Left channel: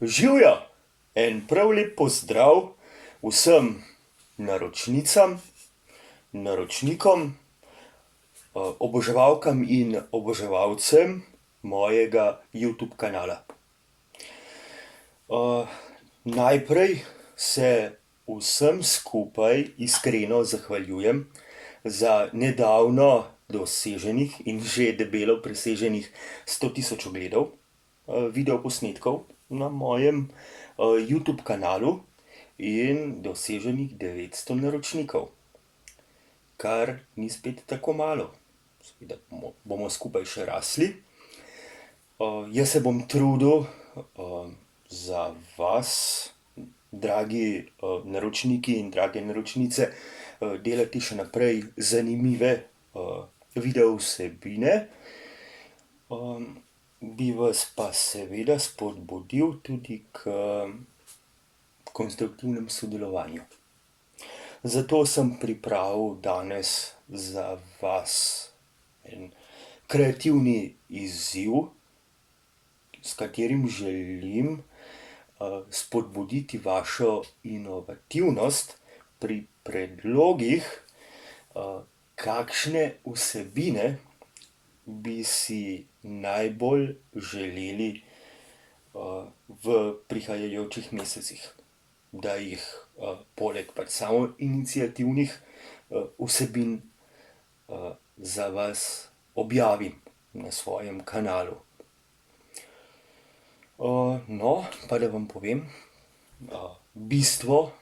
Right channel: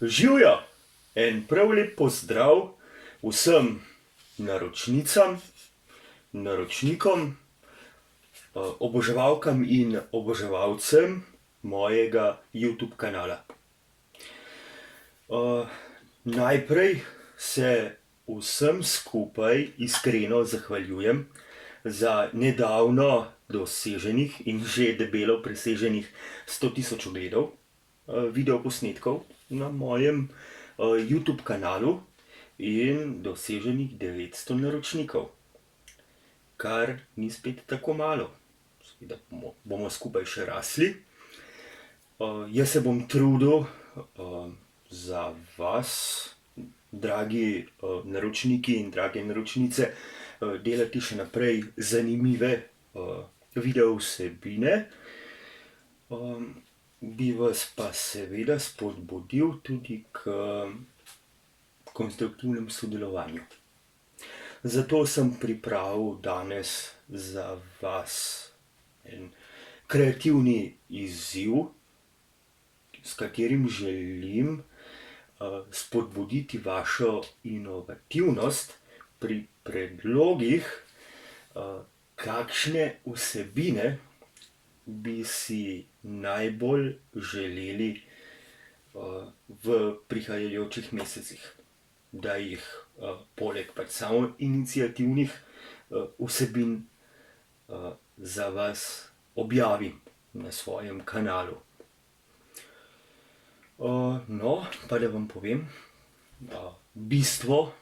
Živjo! En prav lep pozdrav vsem naročnicam, naročnikom, oboževalkam in oboževalcem mojega YouTube kanala. Najprej se vsem skupaj iskreno zahvaljujem za nedavno doseženih in že debelo preseženih 100.000 ogledov videoposnetkov na mojem YouTube kanalu in doseženih 900 naročnikov, kar ni spet tako malo. Seveda bomo skupaj še rasli. Jaz se bom trudil za vas, dragi naročniki in drage naročnice, delati še naprej zanimive video vsebine. Bi vas pa seveda spodbudil tudi k konstruktivnemu sodelovanju. Zato sem pripravil danes za vas en kreativni izziv, s katerim želim spodbuditi vašo inovativnost pri predlogih, kakšne vsebine bi si najbolj želeli v prihajajočih mesecih, da jih poleg samoiniciativnih vsebin za vas objavim na svojem kanalu. No, pa da vam povem bistvo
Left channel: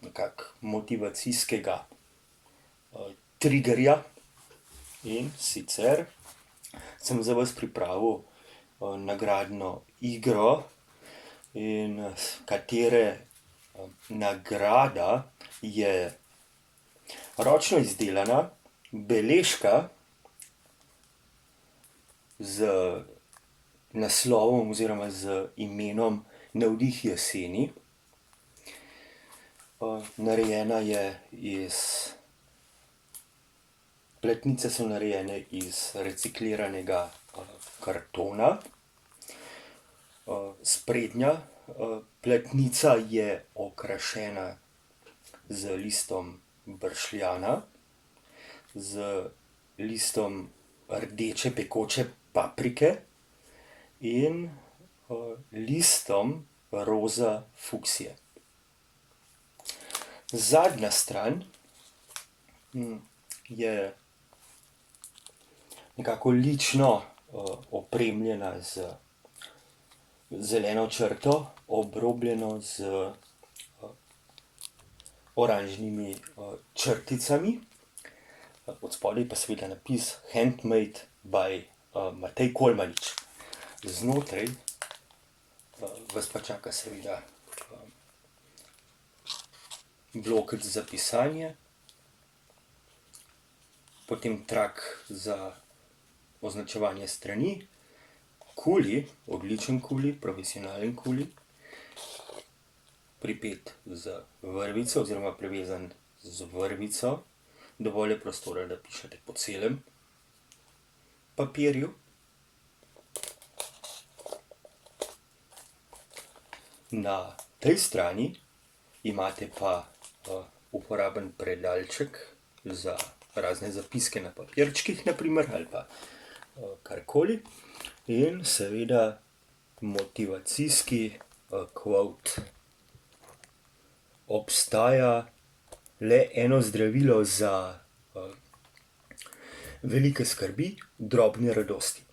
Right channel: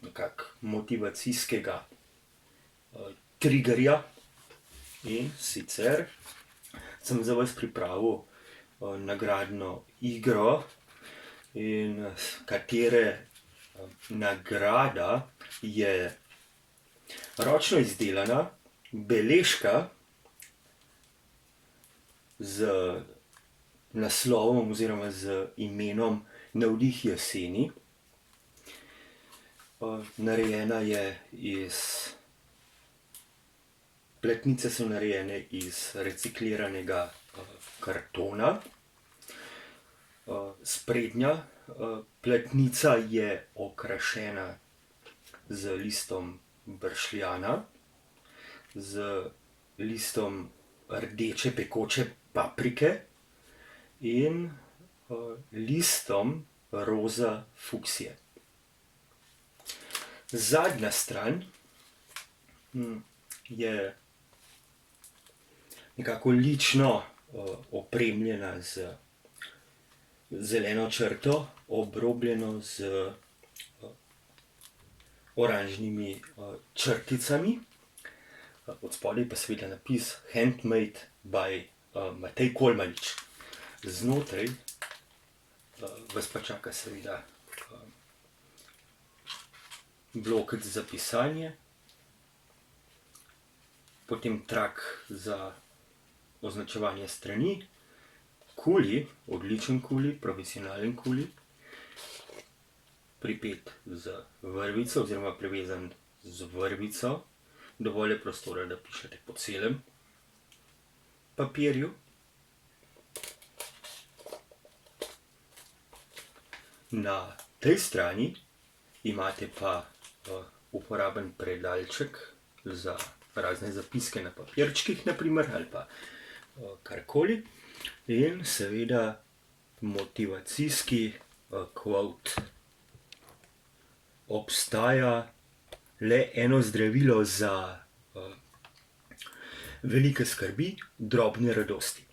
nekako motivacijskega triggerja. In sicer sem za vas pripravil nagradno igro, in katere nagrada je ročno izdelana beležka z naslovom oziroma z imenom Navdih jeseni. Narejena je Platnice so narejene iz recikliranega kartona. Sprednja platnica je okrašena z listom bršljana, z listom rdeče pekoče paprike in listom roza fuksije. Zadnja stran je nekako lično opremljena z zeleno črto, obrobljeno z oranžnimi črticami. Odspodaj pa seveda napis Handmade by Matej Kolmanič. Znotraj vas pa čaka seveda blokec za pisanje, potem trak za označevanje strani, kuli, odličen kuli, profesionalen kuli, pripet z vrvico oziroma privezan z vrvico, dovolj je prostora, da pišete po celem papirju. Na tej strani imate pa uporaben predalček za razne zapiske na papirčkih, na primer, ali pa karkoli. In seveda motivacijski quote. Obstaja le eno zdravilo za velike skrbi, drobne radosti.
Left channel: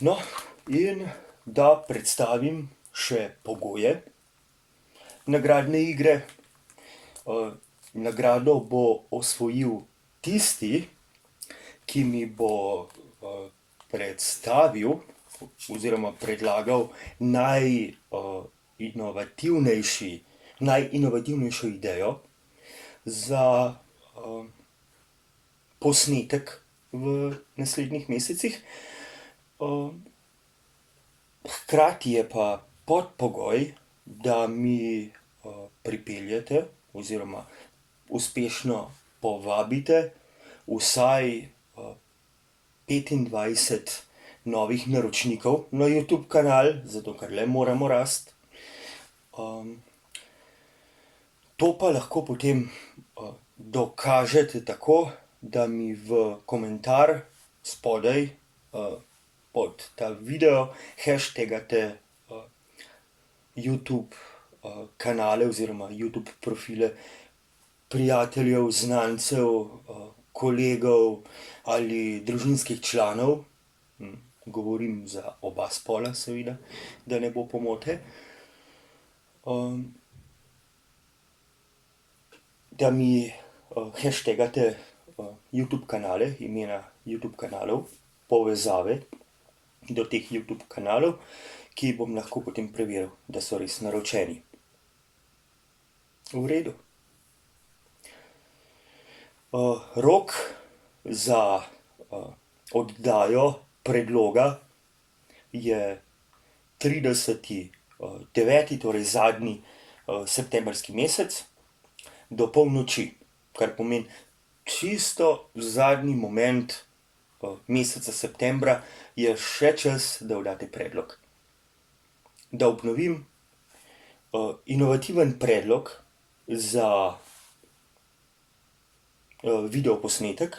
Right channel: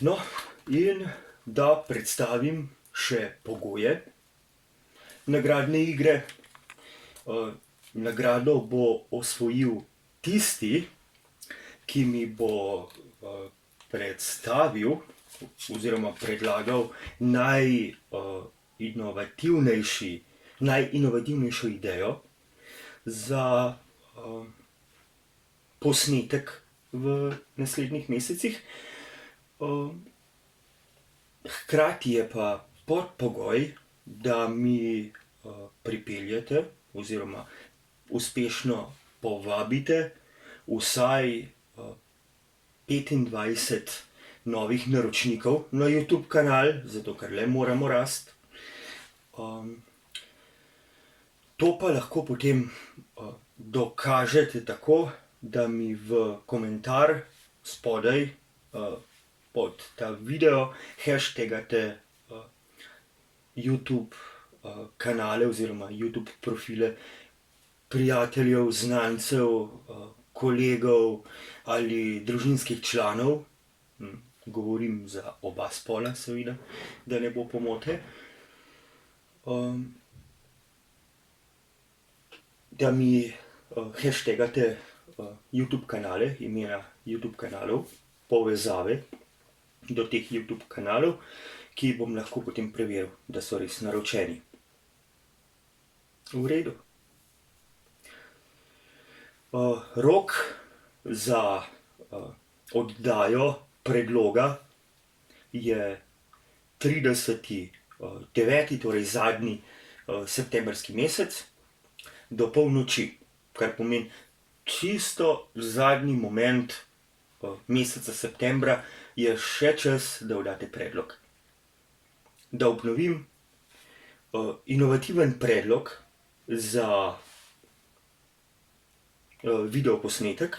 No, in da predstavim še pogoje nagradne igre. Nagrado bo osvojil tisti, ki mi bo predstavil oziroma predlagal najinovativnejšo idejo za posnetek v naslednjih mesecih. Hkrati je pa podpogoj, da mi pripeljete oziroma uspešno povabite vsaj 25 novih naročnikov na YouTube kanal, zato ker le moramo rasti. To pa lahko potem dokažete tako, da mi v komentar spodaj pod ta video hashtagate YouTube kanale oziroma YouTube profile prijateljev, znancev, kolegov ali družinskih članov. Govorim za oba spola, seveda, da ne bo pomote. Da mi hashtagate YouTube kanale, imena YouTube kanalov, povezave do teh YouTube kanalov, ki bom lahko potem preveril, da so res naročeni. V redu. Rok za oddajo predloga je 30.9., torej zadnji septembrski mesec, do polnoči, kar pomeni čisto zadnji moment meseca septembra je še čas, da oddate predlog. Da obnovim, inovativen predlog za videoposnetek,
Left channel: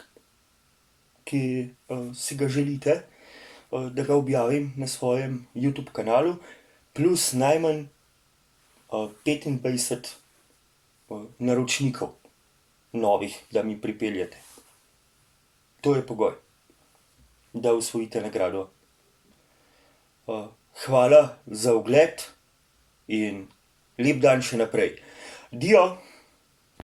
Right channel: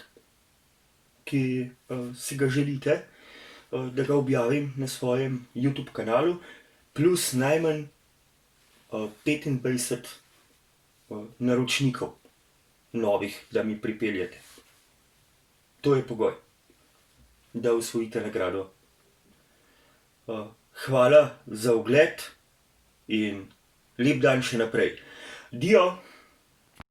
ki si ga želite, da ga objavim na svojem YouTube kanalu, plus najmanj 25 naročnikov novih, da mi pripeljete. To je pogoj, da osvojite nagrado. Hvala za ogled in lep dan še naprej. Dio!